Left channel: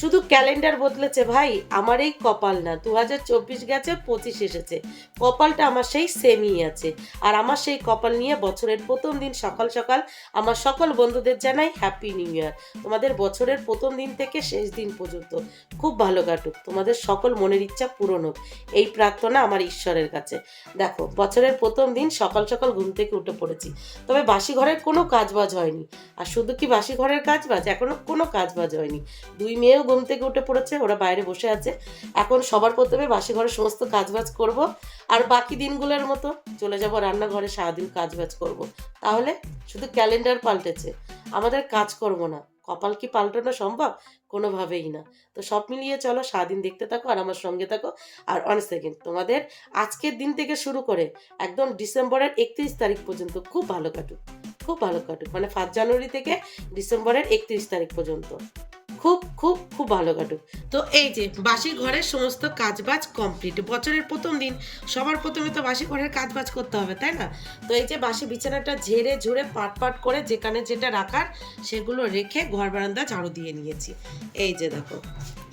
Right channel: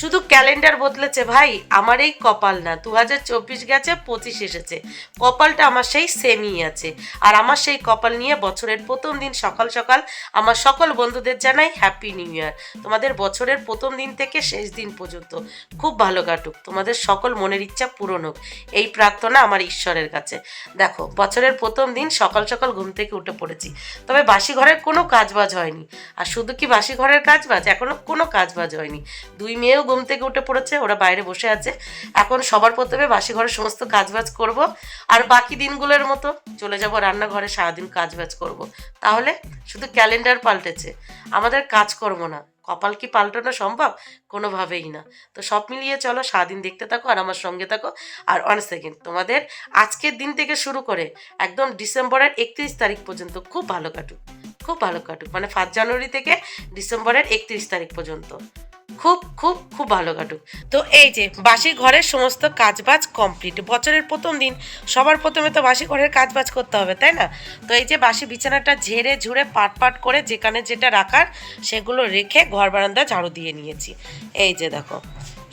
শুধু ক্যালেন্ডার বদলেছে ভাই, আমার এই কপাল না, 2024 গেছে 25 এসেছে, কপালটা আমার সেই সেমই আছে। আর আমার সেই কপাল নিয়ে বছরের প্রথম দিন সকাল সকাল আমার সকল বন্ধুদের জানাই হ্যাপি নিউ ইয়ার। তোমাদের বছরের প্রথম দিন থেকে শেষ দিন পর্যন্ত খুব ভালো কাটুক, তোমাদের সকল মনের ইচ্ছা পূরণ হোক, এই প্রার্থনা আমার ঈশ্বরের কাছে। দেখো, বছরের প্রথম দিন সকাল সকাল ঘুম থেকে উঠে পড়েছি, তবে বাসি ঘরের কোনো কাজবাজ হয়নি। আর শুধু কি বাসি ঘরের কাজবাজ, এখনো কোনো কাজবাজ হয়নি। দুই মেয়েও ঘুম থেকে উঠে পড়েছে, ওরা বাইরে বসে আছে। এখন সবার প্রথমে বাসি ঘরের সমস্ত কাজবাজ করব, আর বাকি দিনগুলোর মতো চলে যাব রান্নাঘরে, সারাদিন কাজবাজ করব। তাহলে শুধু ক্যালেন্ডার পাল্টেছে, আমাদের কাজকর্ম না। কপাল কি পাল্টানো সম্ভব? কোনোভাবেই না। তো সব মিলিয়ে চলো, সারাদিন দেখতে থাকো আর আমার সঙ্গে থাকো। আর 1 সেকেন্ড, তোমাদের আজকের দিন থেকে শুরু করে একদম ডিসেম্বরের 31 তারিখ পর্যন্ত খুব ভালো কাটুক, খুব ভালো কাটুক। মানে 1 জানুয়ারি থেকে ডিসেম্বরের 31 তারিখ পর্যন্ত খুব খুব খুব ভালো কাটুক। তো এই যে বাসি ঘরের সমস্ত কাজবাজ কমপ্লিট, বছরের প্রথম দিন সবার প্রথমে তো বাসি ঘরের কাজবাজ করতে হবে, তাই না? তো এই যে বাসি বিছানাটা ঝেড়ে ঝুড়ে পাট পাট করে যেখানে যেটা রাখার সেগুলো রেখে ঘর বারান্দা ঝাড়ু দিয়ে নিয়েছি। এই যে দেখো,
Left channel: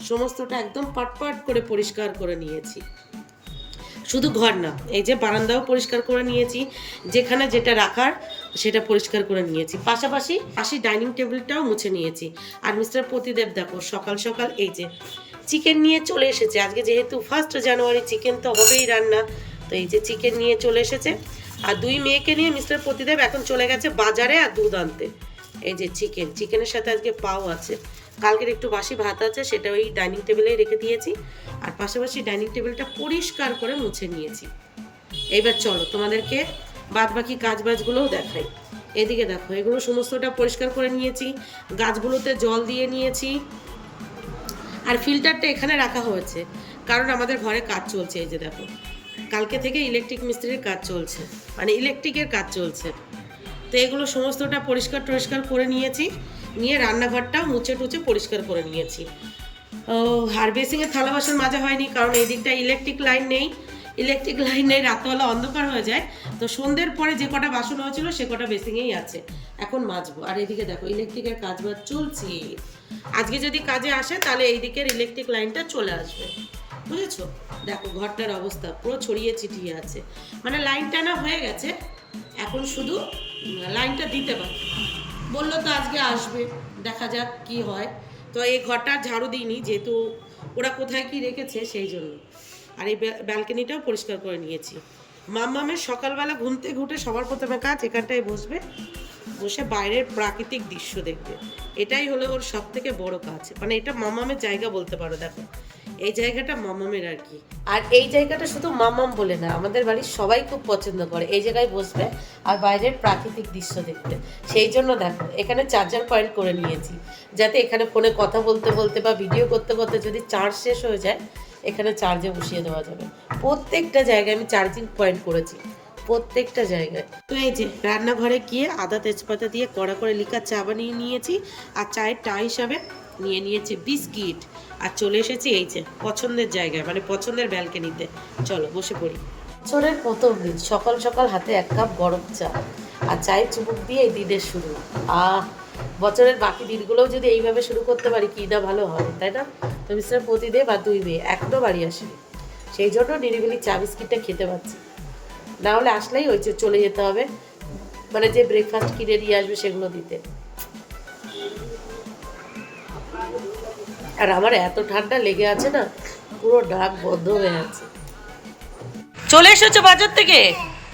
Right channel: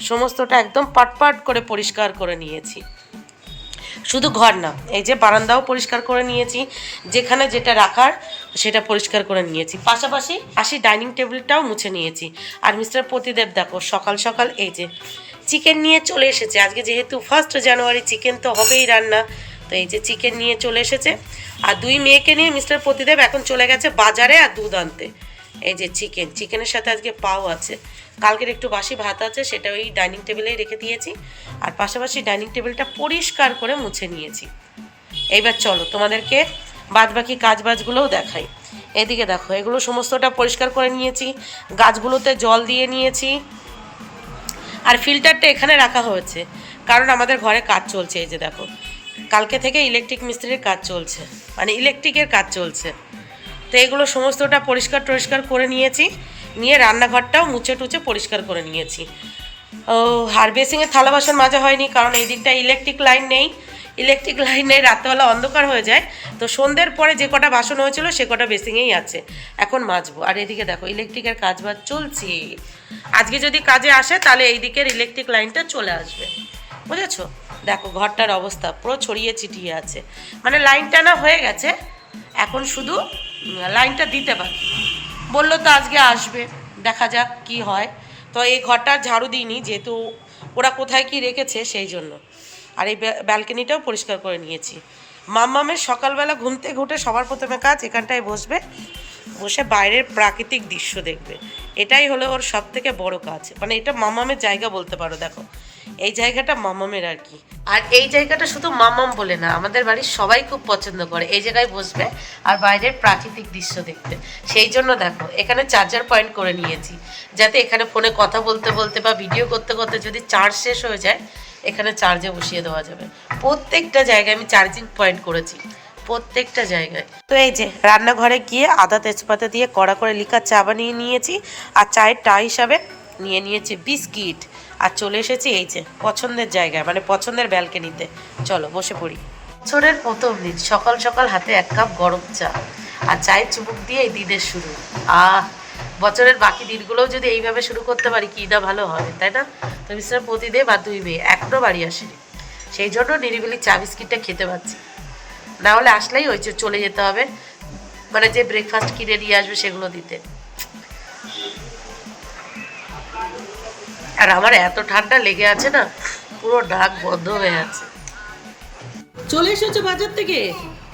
সমস্তটা একদম পাট পাট করে পরিষ্কার করে নিয়েছি। শুধু ঘর না, এই যে বারান্দাও পরিষ্কার করে নিয়েছি, যেখানে যেটা রাখার সেটা পরিষ্কার করে নিয়েছি। পাশাপাশি ডাইনিং টেবিলটাও মুছে নিয়েছি। আর মিস্টার প্রতিদেব দেখো, সকাল সকাল এই যে চিকেন নিয়ে চলে এসেছে। আজকে যেহেতু 1 জানুয়ারি, চিকেন তো হবেই রান্না। তো এই যে চিকেন নিয়ে চলে এসেছে। আর দুই মেয়েকে নিয়ে মিস্টার প্রতিদেব এখন চলে গেছে বাজারে আর দুধ আনতে। এই যে চিকেনের সাথে আজকে পাও আছে, কালকের একটু বাসি ভাত আছে, সেটা ওই ডাইনিং টেবিলেই রেখে দিয়েছি। আর পাশাপাশি ডাইনিং টেবিলটা পরিষ্কার করে মুছে নিয়েছি। এইবার চলো তোমাদেরকে বাদবাকি কাজবাজগুলোও দেখাই। এদিকে দেখো, এগুলো সমস্তটা পরিষ্কার করে নিয়েছি, গাছগুলোতে জল দিয়ে নিয়েছি। আর ফিল্টারটা এখানে রাখা হয়েছে কারণ আমাদের ঘরে কাজ চলছে। এই যে দেখো, কালকে থেকে ইলেকট্রিক মিস্ত্রির কাজ চলছে, মানে ইলেকট্রিকের কাজ চলছে। তো এগুলো সমস্তটা পরিষ্কার করে নিয়েছি, নিয়ে রান্নাঘরটাও মুছে টুচে পরিষ্কার করে নিয়েছি। ও, আর বেসিংয়ে থালা বাসন মাজা হয়নি কারণ এই দিকটা ইলেকট্রিক লাইন নেই। রাত্রেবেলা অন্ধকার হয়ে যায়। তো সন্ধ্যের পরে যে কটা বাসন হয়েছিল সে কটা বেসিংয়েই আছে, এখন মাজবো। আর এদিকে দেখো, ইলেকট্রিকের কাজ বাজ চলছে। আজকে যদি কাজে আসে তাহলে এই দিকের ইলেকট্রিক লাইনটা চলে আসবে, বুঝেছো? দেখো ঘরটার অবস্থা পুরো ছড়িয়ে ছিটিয়ে আছে, মানে লাইন টানা হয়ে গেছে, এখন শুধু লাইনটা দিতে বাকি। বললো তো আজকে আসবে, দেখা যাক কি হয়। তো এই ঘরটার ঝাড়ু দিইনি, যেহেতু ওরা কোথায় কি রেখেছে সেই জন্য। আর এই ব্যালকনিটাও পরিষ্কার করে নিয়েছি। মাম্মামের সকালবেলা ঘুম থেকে উঠে সবার প্রথমে কাজ এখানটায় বসবে, বসে বাইরের প্রাকৃতিক দৃশ্য দেখবে। এটাই হলো ওর সব থেকে বড় কাজ, মানে এটা মাম্মামের জায়গা বলতে পারো। দেখো, এই জায়গাটা মাম্মামের আর কি। আর এই জায়গাটা শুধু মাম্মাম বলে না, আমাদের বাড়ির সবাই খুব পছন্দ করে এই জায়গায় বসবে আর বাইরের প্রাকৃতিক দৃশ্য দেখতে। সেই জন্য দেখো, এখানে চার্জার পয়েন্ট করে নিয়েছি, যাতে এখানে ফোনে কথা বলতে বলতে বা ভিডিও করতে করতে যদি চার্জ শেষ হয়ে যায়, এখানে চার্জে বসিয়ে দেওয়া যাবে। প্রত্যেকটা জায়গায় আমি চার্জিং পয়েন্ট করেছি, প্রত্যেকটা জায়গায়। তো এই যে রান্নাঘরে গিয়ে আদা তেজপাতা দিয়ে কড়া করে লিকার চা বানিয়ে নিয়েছি, আর চায়ের টা হিসাবে নিয়ে নিয়েছি বিস্কিট। আর চলে এসেছি এই যে পছন্দের জায়গায়, মানে পছন্দের ব্যালকনিতে। চলো বসে পড়ি। বছরের প্রথম দিন, সকাল সকাল হাতে 1 কাপ গরম চা আর চায়ের চুমুক দিয়ে এই দিনের শুরু। বছরের বাকি দিনগুলোও যদি এইভাবে শুরু করতে পারি কি না ভালো হবে, তাই না? তো মিস্টার প্রতিদেব আর দুই মেয়ে এখনও বাড়ি আসেনি, সেই জন্য নিরিবিলি চা বিস্কিটটা খেতে পাচ্ছি। না হলে আসলেই ওই চলে যেতে হবে, মানে যে ব্রেকফাস্ট কিনে নিয়ে আসবে সেগুলো দিতে। আর আমার এত ঠান্ডা লেগে আছে না, পুরো নাক বন্ধ হয়ে আছে। চলে এসেছো বাজার থেকে?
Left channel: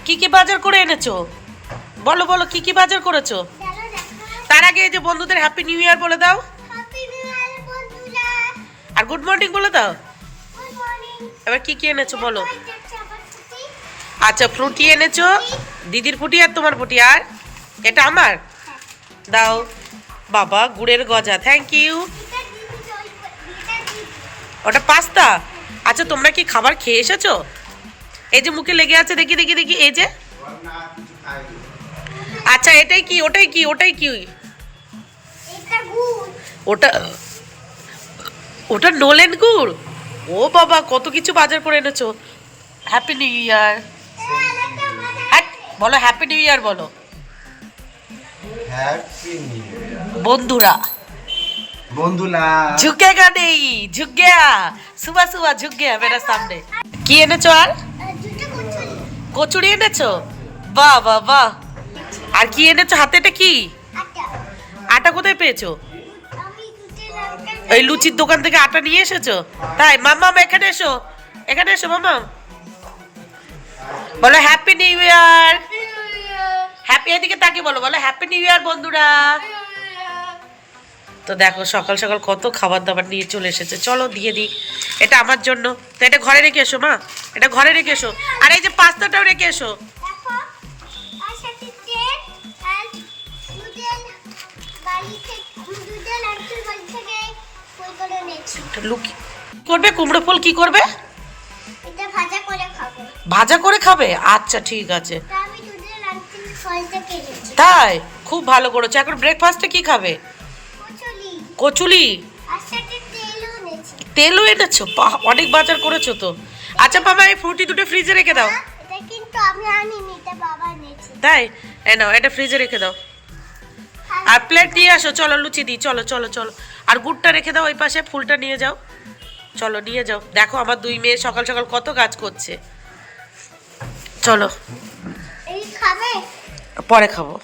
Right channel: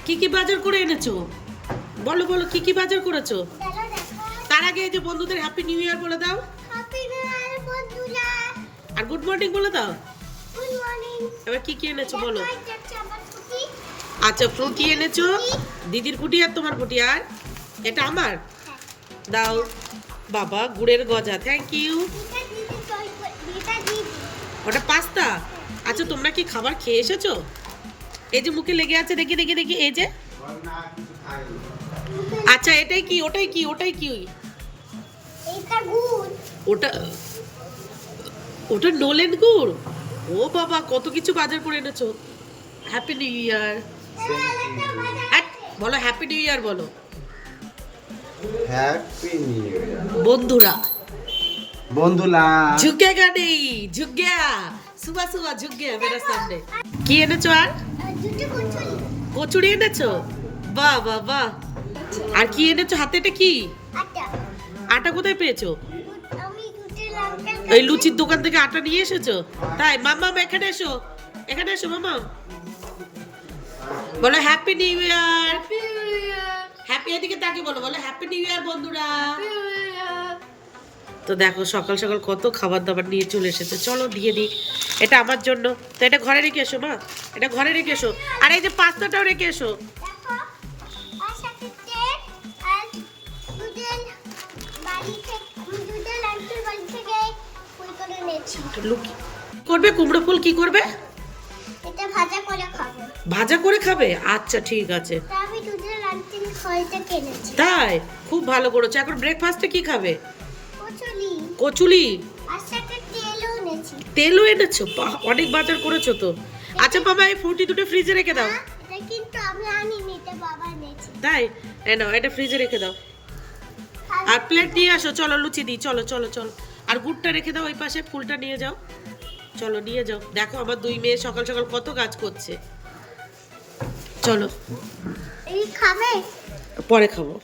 কি কি বাজার করে এনেছো বলো বলো, কি কি বাজার করেছো? তার আগে এই যে বন্ধুদের হ্যাপি নিউ ইয়ার বলে দাও, আর গুড মর্নিং বলে দাও। এবার কি কি এনেছো বলো? আচ্ছা, ফ্রুটি এনেছো, দিদির ফুটি আর তোমার ফুটি, আর এটা আমার দাও। বাবা, গুড়ের গজা, থ্যাংক ইউ। ওটা পাস্তা। আচ্ছা, তোমরা কি খাবার খেয়ে এসেছো? এই যে মুখে লেগে আছে, দেখি দেখি দেখি, এই যে। আচ্ছা, এটাই কি ওটাই কি ওটাই কি? ওটা ওটা নোলেন গুড়। ও বাবা, কত কিছু বাজার করে এনেছো। হ্যাপি নিউ ইয়ার বলো, হ্যাপি নিউ ইয়ার বলো বন্ধুরা। বন্ধুলা झुकेगा नहीं झुक गया सुबह सुबह झुक गया मेरे सामने কি এনেছো আর কচুরি এনেছো বাহ বাহ বাহ আর কি এনেছো হাতে এটা কি আটা কোথায় পেয়েছো ওই লুচির দোকান থেকে আটা নিয়ে এসেছো তাই মাম্মাম এখানে এসো মাম্মাম বলো হ্যাপি নিউ ইয়ার হ্যাপি এদিকে তাকিয়ে বলো হ্যাপি নিউ ইয়ার বন্ধুরা তো দেখো সকাল সকাল কত খাবার দাবার নিয়ে চলে এসেছে চলো দিয়ে দিই এটা আমার জন্য তো এটা ঘরে রেখে এসো মা এটা ঘরে রেখে এসো আর এই যে পাস্তাটাও রেখে এসো লুকি করবে কুমড়ো ফুল কি করবে এটা ভাজা করে খাবে ভাজা করে খাবে আচ্ছা ঠিক আছে আমি দুধের আনতে ফলটা কিনেছি তাই খুব ভালো করেছো এখন ব্রেকফাস্টে কি খাবে কচুরি কচুরি আর সাথে তেলও এনেছি তেলও এনেছো বাহ অনেক বাজার করেছো তো আচ্ছা মামা এই ফ্রুটি দুটো ফ্রিজে রেখে দাও এটা কিন্তু আমি আনিনি এটা বাবা এনেছে তাই এই নাও এটা ফ্রিজে রেখে দাও আর প্লেট নিয়ে আসো চলো লুচি দিই চলো চলো চলো আর গুড়টা রেখে দাও ওই পাশে ফুলটা নিয়ে যাও চলো নিয়ে যাও দেখো আমার দুই মেয়ে সকাল সকাল কত কাজ করছে চলো এই খাবে পরে খাবো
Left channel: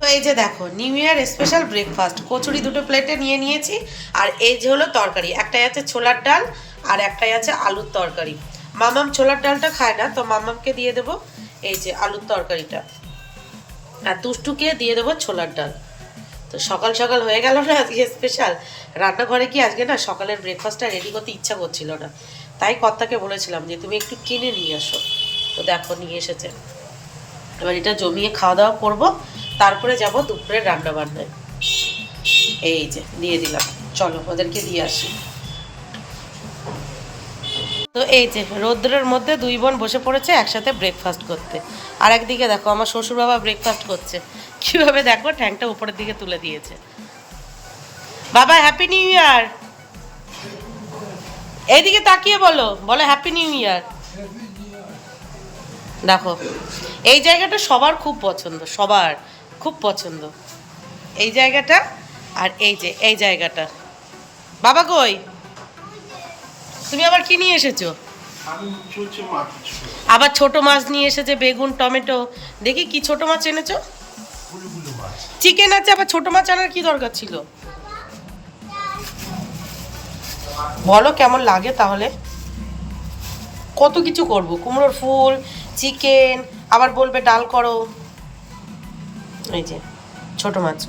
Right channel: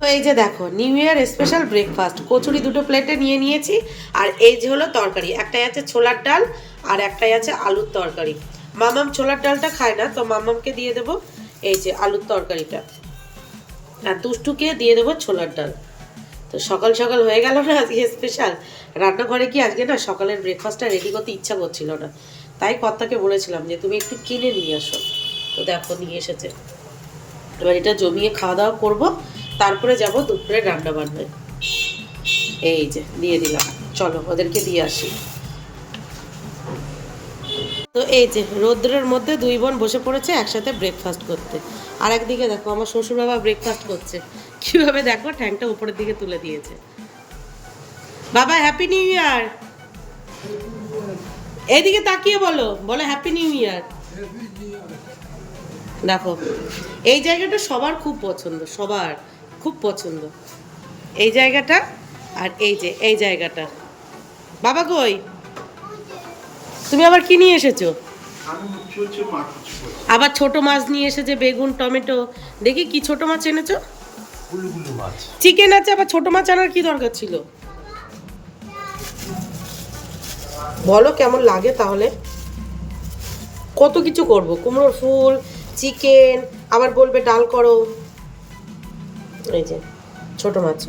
তো এই যে দেখো new year special breakfast kachori দুটো প্লেটে নিয়ে নিয়েছি আর এই যে হলো তরকারি একটাই আছে ছোলার ডাল আর একটাই আছে আলুর তরকারি মামাম ছোলার ডালটা খায় না তো মামামকে দিয়ে দেবো এই যে আলুর তরকারিটা আর দুষ্টুকে দিয়ে দেবো ছোলার ডাল তো সকাল সকাল হয়ে গেল না আজকে স্পেশাল রান্নাঘরে কি আজকে না সকালের ব্রেকফাস্টটা রেডি করতে ইচ্ছা করছিল না তাই কর্তাকে বলেছিলাম যে তুমি একটু কিনে নিয়ে আসো তো দেখো নিয়ে এসেছে এবার এটা জমিয়ে খাওয়া দাওয়া করবো তারপরে যাব দুপুরে রান্না বান্নায় এই যে দিয়ে দিলাম চলো ওদেরকে দিয়ে আসি তো এই যে রৌদ্রের মধ্যে দুই বোন বসে পড়েছে একসাথে ব্রেকফাস্ট করতে আর একদিকে দেখো আমার শ্বশুর বাবা ব্রেকফাস্ট করছে কিভাবে দেখো ঠ্যাংটা উপরের দিকে তুলে দিয়েছে বাবা হ্যাপি নিউ ইয়ার এইদিকে তাকিয়ে বলো হ্যাপি নিউ ইয়ার দেখো এই জায়গাটা সবার খুব পছন্দ সবার খুব পছন্দ এই জায়গাটা আর এই যে এই জায়গাটা বাবা কই তুমি আবার কি নিয়ে এসেছো আবার ছোট মাছ নিয়ে এসেছে বেগুন টমেটো দেখি কি ছোট মাছ এনেছো চিকেন আছে আবার ছোট মাছ আনার কি দরকার ছিল বলো কেমন লাগে তাহলে কত কিছু করব কুমড়োর ফুল চিকেন আবার বলবে ডাল করো এই যে ছোট মাছ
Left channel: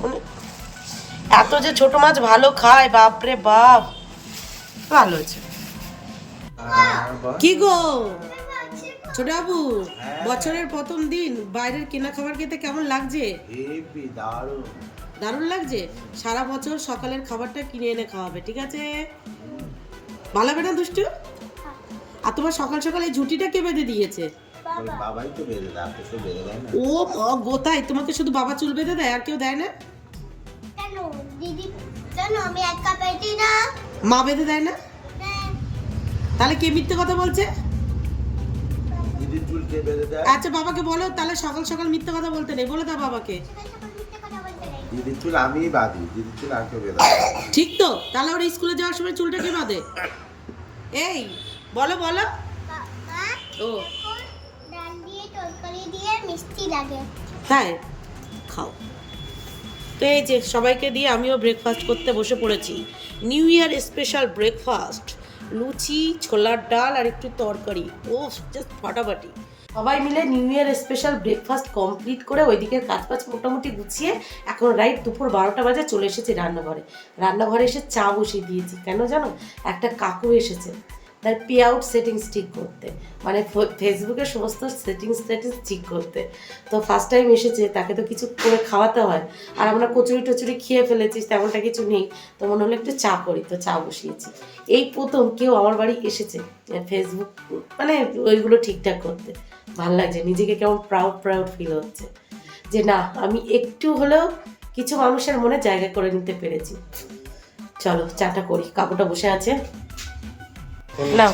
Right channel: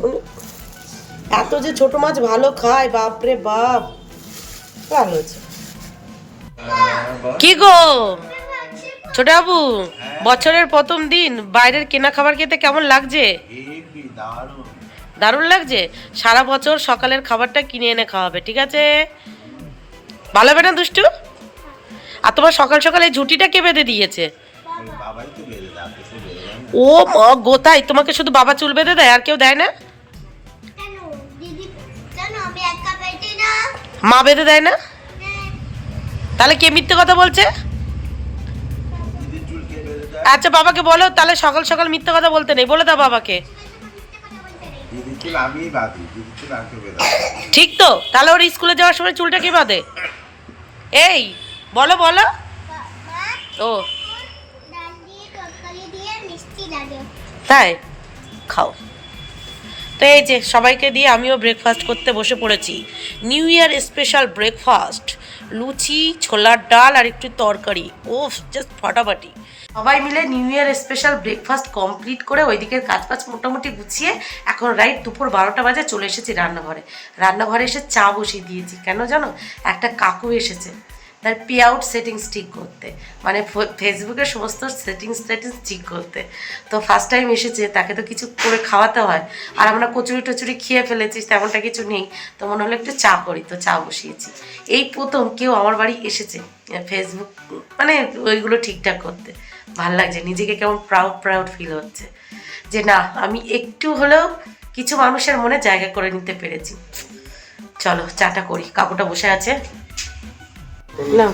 এত যে ছোট মাছ ভালো খায় বাপরে বাপ ভালো হয়েছে কি গো ছোট বাবু বছরের প্রথম দিন বাইরের কেনা খাবার খেতে কেমন লাগছে দারুণ লাগছে সারা বছর সকালের খাবারটা কিনে এনে খাওয়াবে ঠিক আছে ভালো হবে না দুষ্টু আর তোমার সকাল সকাল এই ঝুটিটা কে বেঁধে দিয়েছে ও মা গোতাই তোমাকে শুধু বাবা চুল বেঁধে দেয় আর কেউ দেয় না কেন দিদি কেন আমি একা পেটি না মা বেঁধে দেয় না তাহলে কে মিথ্যে কথা বলছে আচ্ছা বাবাকে বলো তাহলে সকাল সকাল মিথ্যে কথা বলতে নেই বলে দাও বাবাকে ঠিক তো তাহলে ওর স্কুলে যাওয়ার সময় চুলটা কি বাঁধে এই বলো বলো ও ডাল দিয়ে তরকারি দিয়ে মিষ্টি লাগে তাই খাও তো এই যে সবাইকে দিয়ে আমিও ব্রেকফাস্ট করতে বসে পড়েছি নিউ ইয়ার স্পেশাল ব্রেকফাস্ট লুচি ছোলার ডাল আর একটু তরকারি ওফ জাস্ট ফাটাফাটি সবাই মিলে new year special breakfast complete করে ওই দিকের কাজবাজ মোটামুটি গুছিয়ে এখন রাইট দুপুর 12টা বাজে চলে এসেছি রান্নাঘরে এসে চা বসিয়ে দিয়েছি কেন জানো একটা কাকু এসেছে তার পে আউট সেটিংস ঠিক করতে মানে ফেসবুকের সমস্ত সেটিংস ঠিক করতে তো ফার্স্ট টাইম এসেছে তাকে তো কিছু করে খাওয়াতে হয় আর আমরা কচুরি টচুরি খেয়ে ফেলেছি তেমনটা কিছু নেই তো মনে হলো একটু চা করি তো চা বসিয়েছি এই প্রথম কেউ আমার বাড়ি এসেছে ফেসবুক মানে ওইগুলো ঠিকঠাক করতে ভাল লাগছে নিজেকে কেমন প্রাউড ফিল হচ্ছে যে না আমি একটু হলেও কিছু মানুষের মনে জায়গা করে নিতে পেরেছি চলো চাটা করি কাকুটা বসে আছে না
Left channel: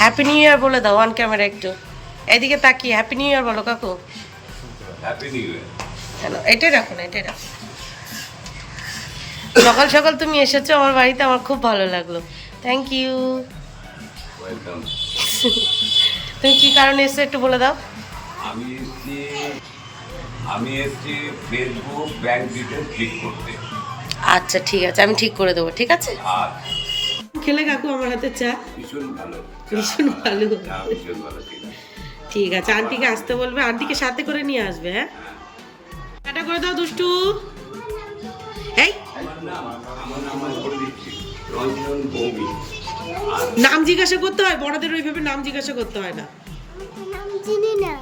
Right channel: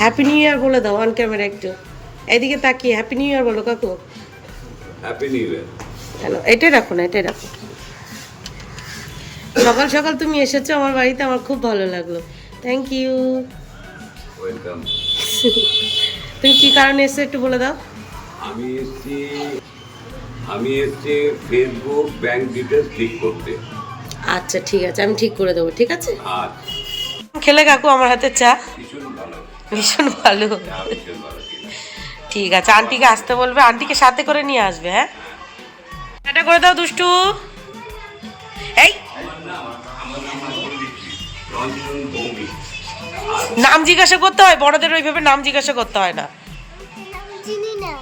হ্যাপি নিউ ইয়ার বলে দাও অন ক্যামেরা একটু এইদিকে তাকিয়ে হ্যাপি নিউ ইয়ার বলো কাকু হ্যাপি নিউ ইয়ার এটাই রাখো না এটাই রাখো সকাল সকাল তুমি এসেছো আমার বাড়িতে, আমার খুব ভালো লাগলো। Thank you. ওয়েলকাম। তুমি কি কারণে এসেছো একটু বলে দাও। আমি এসেছি ফেসবুক ব্যাংক ডিটেলস ঠিক করতে। আচ্ছা ঠিক আছে, আমি ঠিক করে দেবো, ঠিক আছে। আর খেলে কাকু আমার হাতে চা? ভীষণ ভালো, ভীষণ ভালো। ভীষণ ভালো ছিল। ঠিক আছে, আন্টিকে আসতে বলবে, আন্টিকে সাথে করে নিয়ে আসবে। হ্যাঁ, টাটা করে দাও দুষ্টু। এই আমার নাম আমি বলে দিচ্ছি, রঞ্জন ভৌমিক। নাম জিজ্ঞাসা করতে হয়, বড়দের ওইভাবে নাম জিজ্ঞাসা করতে হয় না। নাম চিনি না।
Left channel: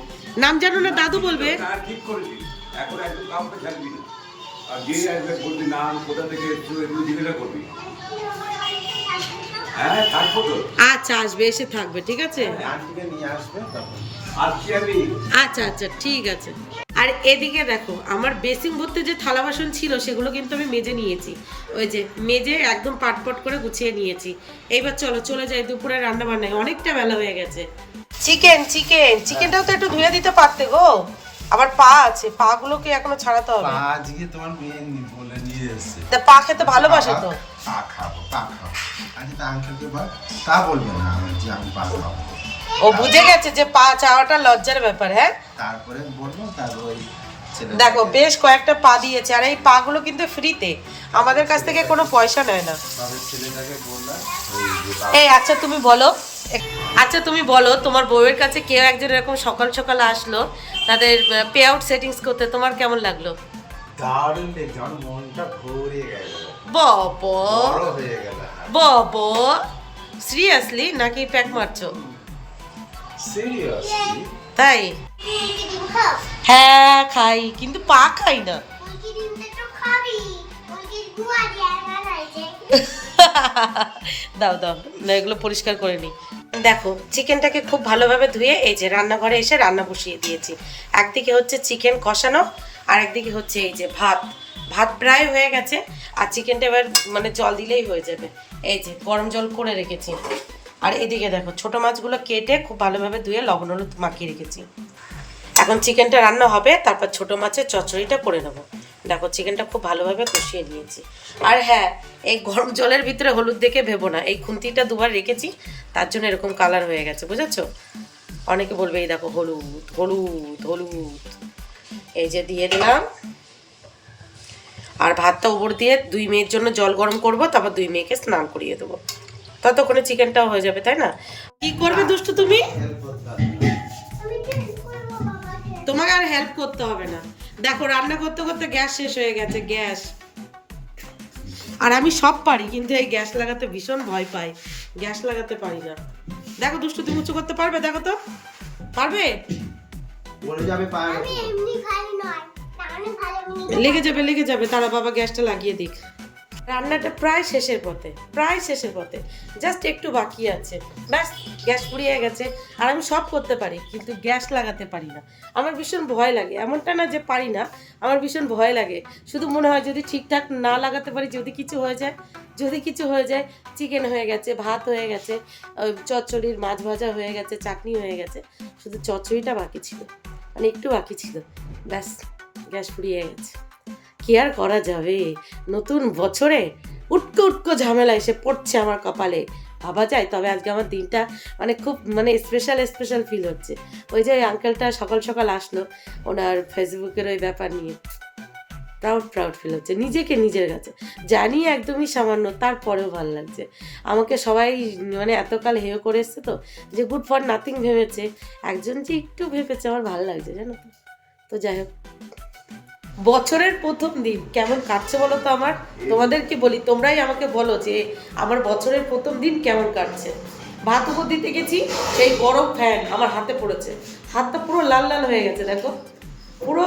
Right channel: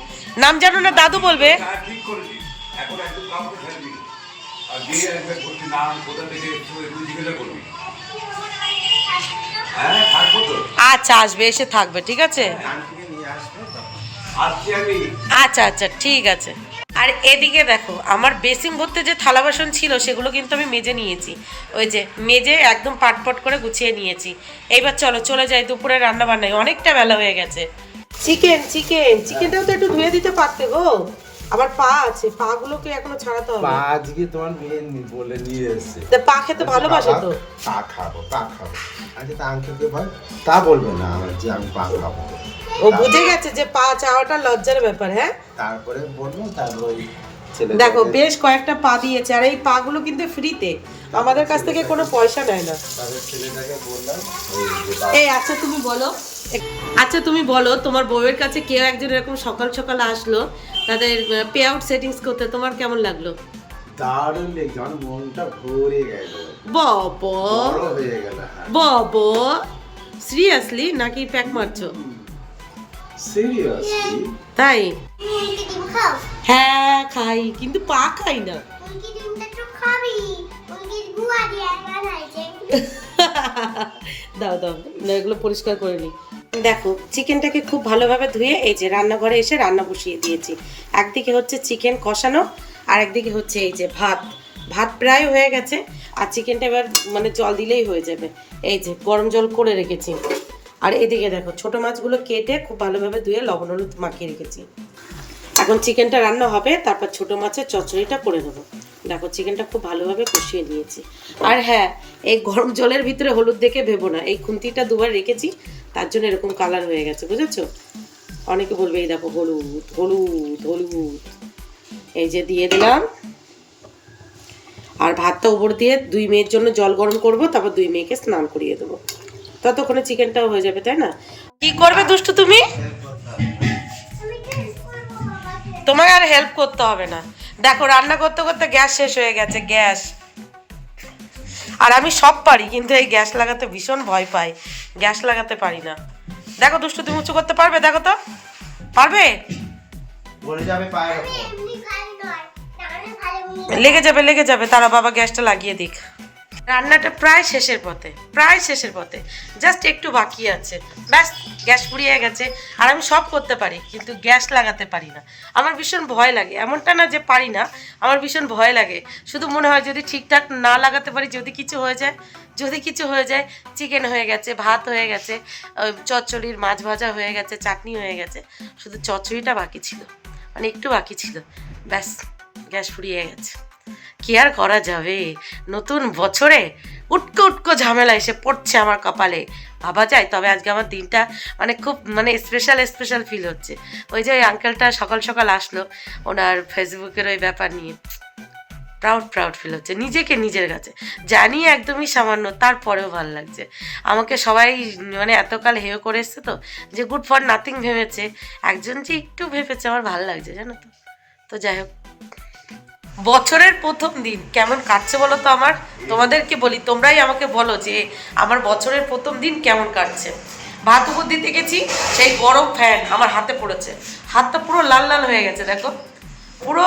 নাম জানো না, দাদু বলবে। হ্যাঁ ঠিক করেছি, এখন একদম কাউকে ছাড়ি দিবি। আর যে আসবে বলবি নাম, কোথা থেকে এসছো এগুলো জিজ্ঞাসা করবি। হ্যাঁ থাকবো তো। আচ্ছা আসবে, এসে থাকবে, ঠিক আছে। আসছি আমি। আচ্ছা আচ্ছা ঠিক আছে। আর এদিকে দেখো, আমার বেসিন ভর্তি যে থালা বাসন ছিল সেগুলো কিন্তু আমি মেজে নিয়েছি। ওই যে মেজে একদম পাটপট করে গুছিয়ে নিয়েছি। এইবার চলো চলে যাই দুপুরে রান্না বান্নায়, অনেকটা বেলা হয়ে গেছে। চিকেনটাও তো একটু ধুয়ে দিতে পারতে গো। আবার পা আছে, পা গুলোকে এখনো ছাড়াতে হবে। পা আজকে তোমার মেয়ে বলে নিয়ে এসেছে। তা পা খেতে ভালোবাসে তো। পা খাবো, পা খাবো। আজকে তা আঙ্কেলকে বল, তা বলবে না আমার যে আমি পা খাবো। ও বুঝে গেছে যে পা চাওয়াটা লজ্জার ব্যাপার। হ্যাঁ তারপরে বলবো, তারপর ওই দেখো বেশ কয়েকটা পা দিয়েছে, আর এই পাগুলো কিন্তু ফ্রিতে, আমাদের কাছ থেকে কোনো পয়সা নেয় না। তারপর ছেলেটাকে বললাম ওই যে এই আচ্ছা তুমি বলো, আচ্ছা তুমি বলো, তোমার বউয়ের কাছে কেউ একজন এরকম সকাল সকাল আসলো তাদের পে আউট সেটিংস করতে, তোমার কেমন লাগলো? দারুণ লেগেছে, আমার মনটা ভরে গেল, বাবা বড় হয়ে গেল। বাবা, সিরিয়াসলি নাকি প্যাক মারছো? সিরিয়াসলি তাই? মুরগি ডিম খাও। হ্যাঁ খাই, কিন্তু পা খাই না। মুরগি ডিমটা তো খাবি। মুরগির গুয়া দিয়ে বানাইছে। দাও দাও না, এগুলো পরিষ্কার করে নিই। দেখো চিকেনটাকে খুব ভালোভাবে ধুয়ে এই যে রান্নাঘরে এসে রান্না বসিয়ে দিয়েছি। একদিকে হচ্ছে চিকেন কষানো, আর একদিকে হচ্ছে এই যে ভাত। ভাত প্রায় হয়ে গেছে, আর চিকেনটা এবার মানে জল দিলেই হয়ে যাবে। এই যে গরম জল করে রেখেছি। আর এদিকে দেখো ছোট মাছগুলো কেটে খুব ভালোভাবে ধুয়ে লবণ হলুদ মাখিয়ে রেখেছি। এখন চিকেনটা রান্না হবে, তারপর ছোট মাছের চচ্চড়িটা করে নেবো। দেখো চিকেনটা খুব ভালোভাবে কষিয়ে নিয়েছি। আর হ্যাঁ, এই গরম জলের ভিতরে হলুদ দেখে ভেবো না, এই খুন্তিটা দুবার রেখেছি তার জন্য এরকম কালার হয়ে গেছে, বুঝেছো? অনেকে বলবে এই দেখো হলুদ হলুদ হলুদ। এই যে দিয়ে দিলাম। আর ভাতটা উপর দিয়ে 2 মেয়ের জন্য জল গরম করব, তারপর 2 মেয়েকে স্নান করিয়ে দেবো। ততক্ষণে চিকেনটাও হয়ে যাবে, তাই না? কি করবে দুষ্টু তুমি? আমি হেল্প করবো বাবাকে। তোমাকে আর হেল্প করতে হবে না। দেখো রান্না করতে করতে গ্যাস শেষ হয়ে গেছে, গ্যাস। আর আমি সব পারি, কিন্তু এই গ্যাস লাগাতে ভীষণ ভয় পাই, গ্যাস লাগাতে পারি না। দেখো দুষ্টু তুমি উঁচু করতে পারবে? দেখো তো পারবে? বলে যাবে পায়ের আমি ওপর। এমনি খাই নয়। টানে ভালো লেগে যাবে, তারা বাবা গ্যাসটা লাগিয়ে দিক। রান্নাটা প্রায় শেষের পথে, প্রায় শেষের পথে, জাস্ট একটু বাকি আছে, ব্যাস গ্যাস ফুরিয়ে গেছে। আর আমি সব করতে পারি, কিন্তু গ্যাস লাগাতে পারি না। আমার ভীষণ ভয় লাগে, এমনটা না যে পারি না, আমার ভীষণ ভয় লাগে। শুধু মনে হয় যদি ঠিকঠাক না লাগাতে পারি, যদি কিছু হয়ে যায়, যদি কিছু হয়ে যায়। চিকেন হয়ে গেছে, ভাত হয়ে গেছে, চচ্চড়ির মাছ ভাজা হয়ে গেছে, চাটনি হয়ে গেছে, শুধু চচ্চড়িটা বাকি ছিল, মানে একটু বাকি ছিল, ব্যাস গ্যাস ফুরিয়ে গেছে। কি আর করা যাবে, নতুন বছরে উটকো উটকো ঝামেলা এসে পড়ছে আমার কপালে, ভাবা যায়। তবে আজকে আমার দিনটা মানে খুব মানে স্পেশাল ফিল হচ্ছে। ওই যে ওই আঙ্কেলটা সকাল সকাল আসলো, ওনার ফেসবুকের ওই ব্যাপার নিয়ে প্রাউড ফিল হচ্ছে নিজেকে, নিজের কাছে। জানি একদমই সামান্য, তারপরেও ভালো লাগছে। আমাকে সবাই মানে এতকাল হেয় করে এসছে তো, যে গুড ফর নাথিং ভেবেছে, একজন যে একটু ভেবেছে, আমার ভালো লাগছে জানো তো। তো যাই হোক, বছরের প্রথম দিন কেমন কাটছে বলো তো আমার? তোমাদেরকে বলি, তোমরাই আমাকে বলো যে আমার বছরের প্রথম দিন কেমন কাটছে। ভাত উপর দিতে গেছি, সেই গরম ফ্যান আমার হাতে পড়েছে, হাতটা পুরো লাল লাল হয়ে গেছে, দেখো পুরো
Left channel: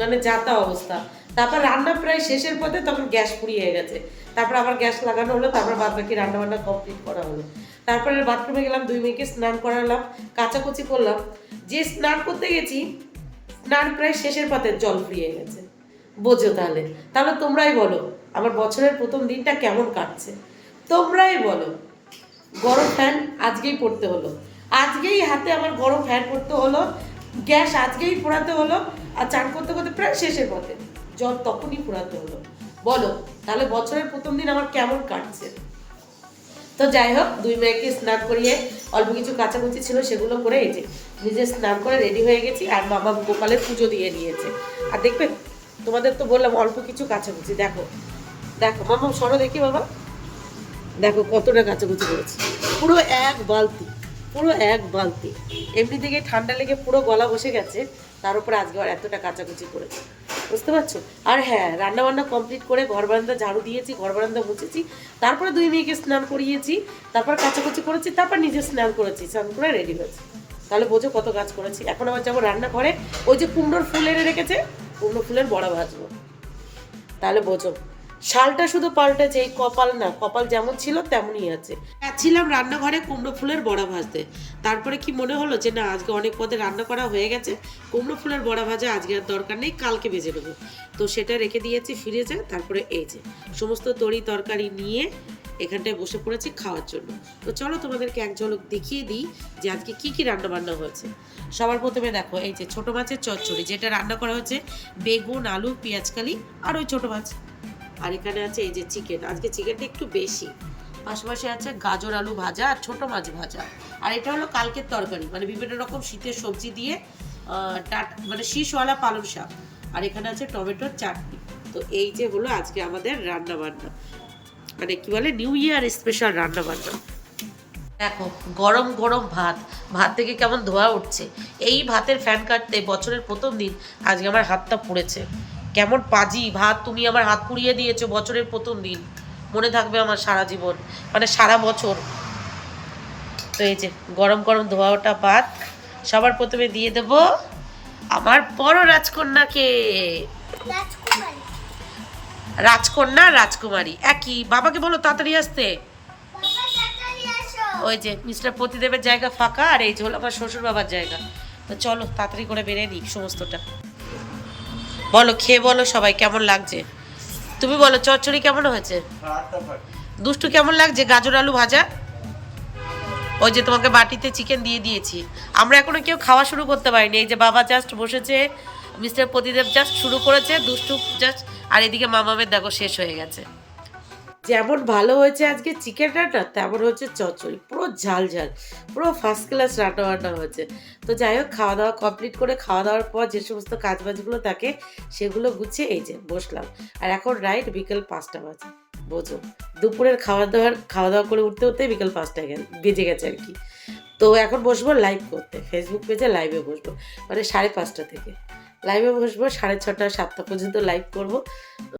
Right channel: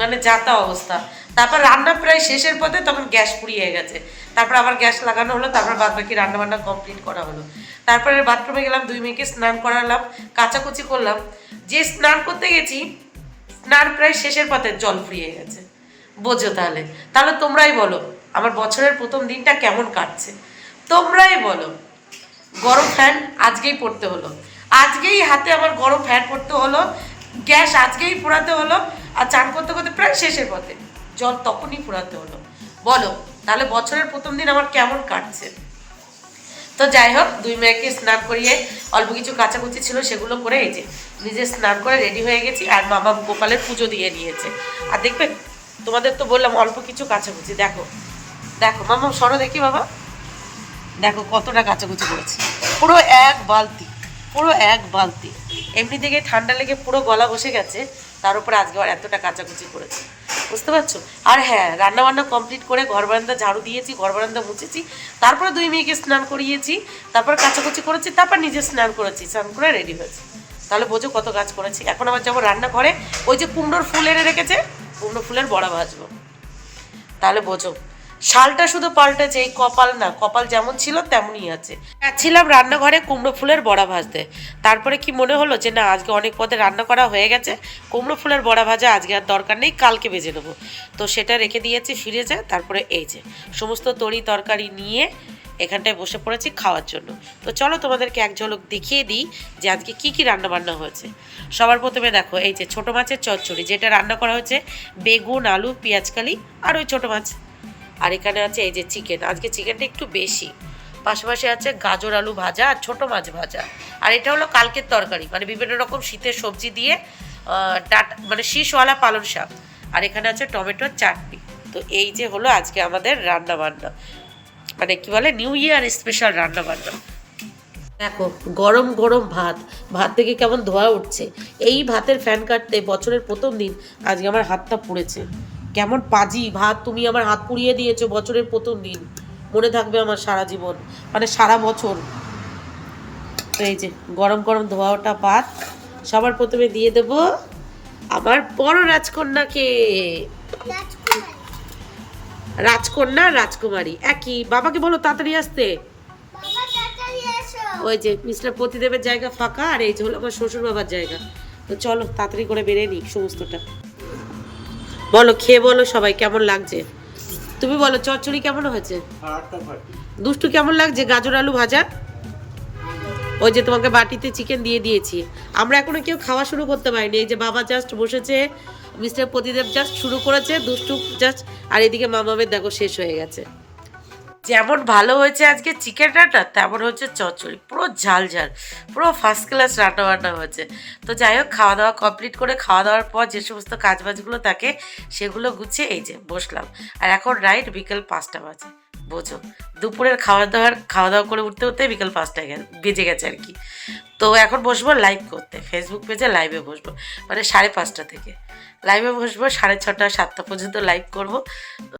মানে যাতা অবস্থা। তারপর রান্না প্রায় শেষের পথে, তখন গ্যাস ফুরিয়ে গেছে। তারপর আবার গ্যাস লাগানো হলো, তারপর বাদ বাকি রান্নাবান্না কমপ্লিট করা হলো। তারপরে বাথরুমে গেলাম, 2 মেয়েকে স্নান করালাম, কাচাকুচি করলাম। যে স্নান করতে গেছি, স্নান প্রায় শেষের পথে জল ফুরিয়ে গেছে। বোঝো তাহলে, তোমরাই বলো আমার বছরের প্রথম দিনটা কেমন কাটছে, তোমরাই বলো। গরম ফ্যান আজকেই পড়তে হলো, আজকেই হাতে আমার গরম ফ্যান পড়তে হলো, গ্যাস আজকেই পোড়াতে হলো, আর চান করতে করতে প্রায় শেষের পথে জল তখনই পোড়াতে হলো। বলো তাহলে বছরের প্রথম দিন আমার কেমন কাটছে। তো যাই হোক, দুই মেয়েকে স্নান করিয়ে অল্প কিছু কাচাকুচি ছিল সেগুলো করে এই যে নিজে স্নান করে রেডি হয়ে গেছি। আর মামা গোপালের পুজো দিয়ে নিয়েছে। আর দেখবে, তোমাদের তো বললাম অল্প কিছু কাচাকুচি, দেখো দেখো মামা সরো দেখি বাবা, দেখো কতটা কাচাকুচি করেছে। পুরো এক বালতি, পুরো এক বালতি। এমনি থেকে ঠান্ডা লেগে পুরো গলা বসে গেছে, তার উপরে আজকে আর এতটা কাচাকুচি করেছে, বুঝতে পারছো। আর হ্যাঁ, রান্নাবান্না কমপ্লিট করে ঘর বারান্দা ঝাড়ু দিয়েছি, ঘর বারান্দা মুছেছি, তারপরে দুই মেয়েকে স্নান করিয়েছি, তারপর কাচাকুচি করেছি, তারপর নিজে স্নান করেছি, স্নান করে রেডি হয়েছি। তাহলে বোঝো কত কাজ করেছি। এখন আবার যাবো রান্নাঘরে, ওই যে কুমড়োর ফুল এনে রেখেছে, কুমড়ো ফুলের বড়া ভাজবো। তাহলে বোঝো, শালটা শুধু পাল্টেছে, এই কপাল না, কপাল যেমন ছিল তেমনই আছে। যাচ্ছিলাম রান্নাঘরে কুমড়ো ফুলের বড়া ভাজতে, তারপরে কি মনে হলো যে না, আজকে অনেক পদে রান্না করা হয়ে গেছে, কুমড়ো ফুলের বড়া ভাজা আজকে আর দরকার নেই, কালকে ভেজে নেবো। তো সেটা রেখে দিয়েছি ফ্রিজে। তারপরে এই যে সমস্ত তরি তরকারি নিয়ে এখানটায় বসে পড়েছি খাওয়ার জন্য। তো চলো তোমাদেরকে এক ঝলক দেখিয়ে দিই যে আজকে কি কি রান্না বান্না হয়েছে। সবার প্রথমে দেখো, এই যে ছোটো মাছের চচ্চড়ি, যেটা রান্না করা হয়েছে বেগুন, আলু, পেঁয়াজকালি আর ওই ছোটো মাছ। আর এখানে আছে এই যে চিকেন, আজকে চিকেনটা একটু বেশি। পাশাপাশি আছে গাজর আলু ভাজা আর ছোটো মাছ ভাজা। আর এটা হলো কালকের তরকারি, মানে বিভিন্ন রকম শীতের সবজি দিয়ে মানে শীষওয়ালা পালং শাক। আর এখানে আছে টমেটোর চাটনি। তো এই যে হলো আজকে আমাদের রান্না বান্না, মানে কি বলে নিউ ইয়ার স্পেশাল রান্না বান্না। দেখো গরম গরম ভাত, ভাত থেকে কেমন ধোয়া উঠছে। এই ভাতের ফ্যান কাটতে বছরের প্রথম দিন আজকে আমার হাতটা পুড়েছে। কেমন পাজি ভাত, তুমি আমার হাত পুড়িয়ে দিয়েছো বছরের প্রথম দিন, মনে থাকবে আমার সারা জীবন, মানে সারা বছর। তো এই যে গরম গরম ধোয়া ওঠা ভাত সবার প্রথমে দিয়ে দেব আমার বড় রাজকন্যাকে। রাজকন্যা রাজকুমারী একই, বাবাকে বলো তাড়াতাড়ি আসতে। বাবা তাড়াতাড়ি আসো। ওই যে মিস্টার প্রতিদেবের জায়গা ফাঁকা, আর এই যে হলো আমার শ্বশুর বাবার জায়গা। তো চলো তাড়াতাড়ি করে বেরিয়ে নিই সমস্তটা। বলো, খেয়ে বলো সবাই কেমন লাগছে। তুমি বলো চচ্চড়ি কেমন হয়েছে, দুষ্টু কেমন লাগছে, গাজর আলু ভাজা। ওই যে তোমাকে বাটিতে চিকেন দিয়ে দিয়েছি। আমরা এখনো কেউ খাওয়া শুরু করতে পারিনি। এই যে বাবা জাস্ট বসেছে, মিস্টার প্রতিদেব জাস্ট শুরু করেছে, দুষ্টু জাস্ট, আর এদিকে মামামের দেখো শেষ হয়ে গেছে। যেমন ভালো হয়েছে আজকে চিকেন রান্না, তেমন হচ্ছে চচ্চড়ি, পুরো ঝাল ঝাল, পুরো ফার্স্ট ক্লাস রান্না বান্না হয়েছে। তো যাই হোক, খাওয়া দাওয়া কমপ্লিট করে খাওয়া দাওয়ার পর যে সমস্ত কাজবাজগুলো থাকে সেগুলো গুছিয়ে এই যে বসলাম। আর এখন রাইট বিকেল 5টা বাজে, বোঝো দুপুরের খাওয়া দাওয়া করে উঠতে উঠতে বিকেল 5টা বেজে গেছে আর কি। তো এখন বসবো লাইভ করতে, ফেসবুক পেজে লাইভে বসবো, মানে 5:30 থেকে লাইভে বসবো, 6:30 7টা পর্যন্ত লাইভ করবো।